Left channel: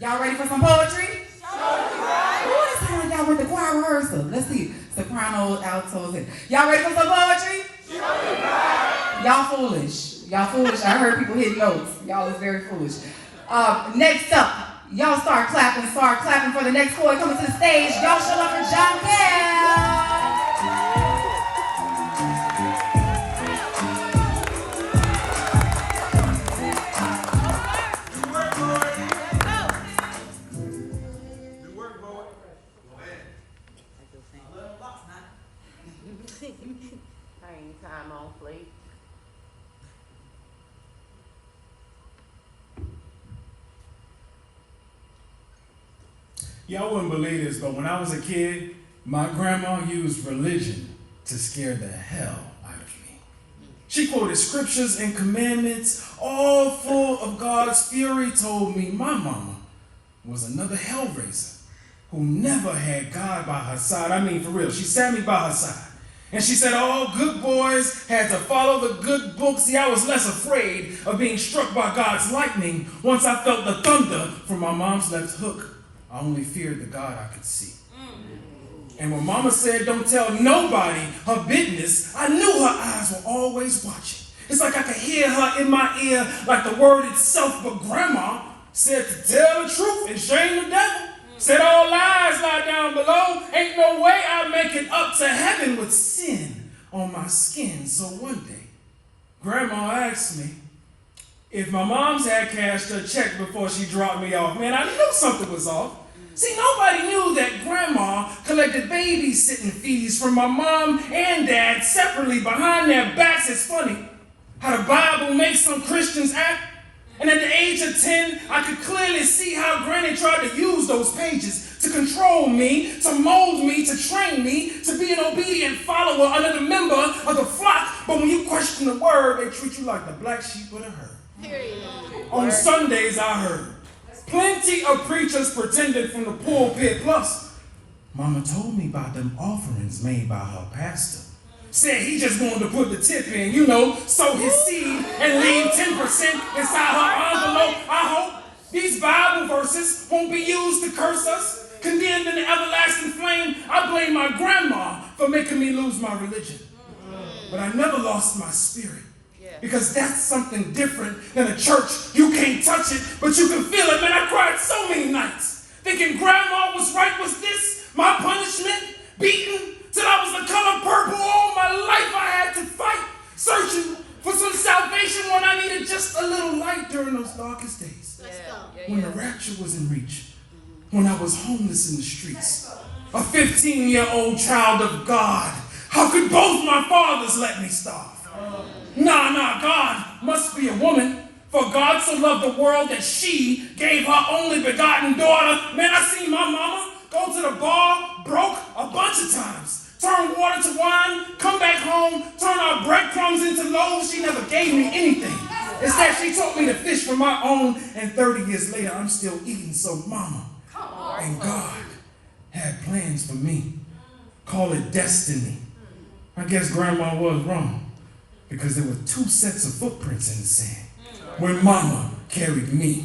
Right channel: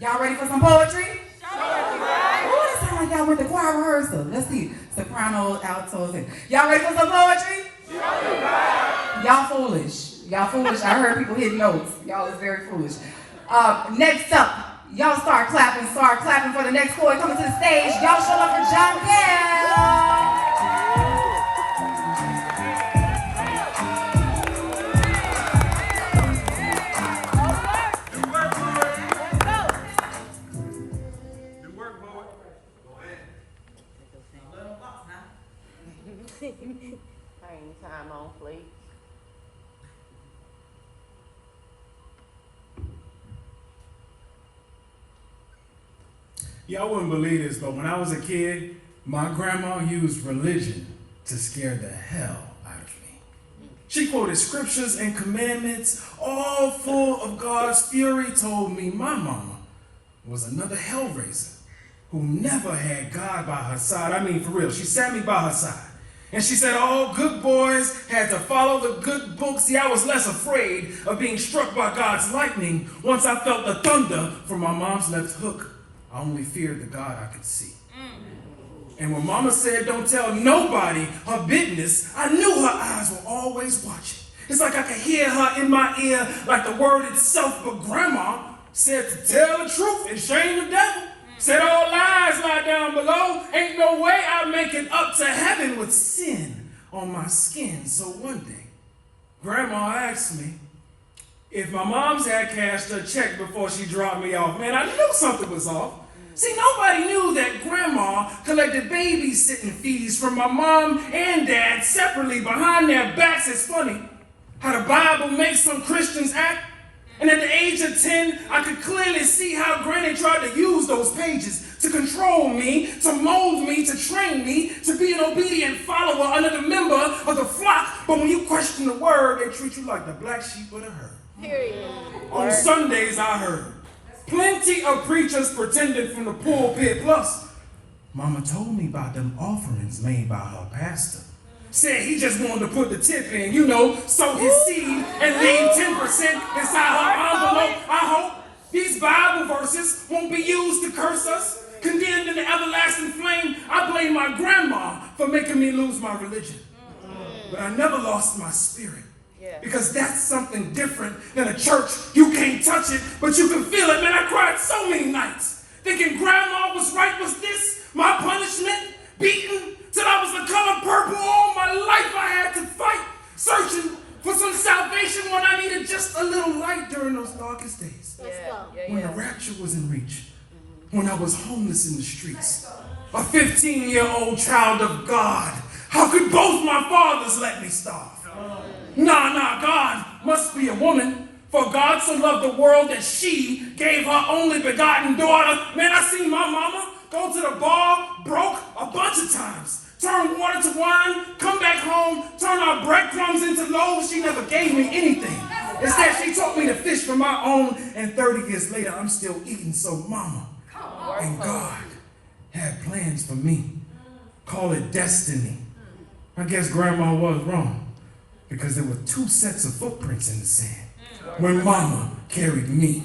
Y'all ready for some poetry? Oh, that sounds like y'all went to choir rehearsal. Let's see. Sopranos, altos. Y'all ready for some poetry? Y'all foolish. Y'all foolish. I heard people hit notes. Y'all is very foolish. Next up, y'all start clapping for the next poet coming to the stage. Y'all show up for Jon Kel. Time on, please. Y'all wouldn't believe this, but when I was a kid, my grandma used religion to scare the hell out of me. She quoted scriptures and commandments, all full of God's fury, told me my mama was another hellraiser who never had God by her side. I mean, for real, she sat me by her side. And she said all good boys had to follow the good book. See, I was less afraid of being struck by God's lightning once I felt the thunder from my mom's left hook. I only feared the God I could see. And when mama said don't tell nobody her business, I knew her eyes were always watching. It's like I could hear her in my ear like the word itself. But grandma said to tell the truth and shame the devil. Said all lies lie down below. Ain't no way I'll make it up to heaven with sin on my skin. So one day, grandma asked me if my mom's had cashed her check before she dropped me off. Man, I knew something was off. See, nobody knew that grandma collected babysitting fees from my mom and dad separately behind their backs. It's funny how the Bible makes some Christians act. And at the age of 10, I could clearly see how Granny tried to use those pages to control me, to mold me, to train me, to be an obedient follower under the member of the flock. But when you question the word, they treat you like the black sheep of the herd. On Sundays, I heard plenty of preachers pretending from the pulpit. Plus, Mama told me about them offerings made by her pastor. Said he just wanted to put the tip in, sow his seed and leave 10% inside her envelope. I hope these Bible verses won't be used to curse us. Condemned in the everlasting flame, I blame my grandma for making me lose my religion. But I never lost my spirit. Because that's something different than a church. You can't touch it, but you can feel it. Man, I cried so many nights thinking grandma was right. Was this my punishment? Beaten till I was the color purple. All my life I had to fight, searching for some salvation when I needed just a little light during those darkest days. When the rapture was in reach, when I was homeless in the streets, a 15-year-old child of God. How could both my fathers let me starve? Nah, God must be a woman. For God so loved the world that she gave her only begotten daughter. Man, I seen my mama go to the bar broke a bunch of times. Turn water to wine, come back home, turn our breadcrumbs into loaves. She never gave me anything. Instead, she taught me to fish for my own, and 30 years later, I'm still eating. So mama and God had plans for me. Call it destiny. I guess grandma was wrong, because there were 2 sets of footprints in the sand when mama carried me.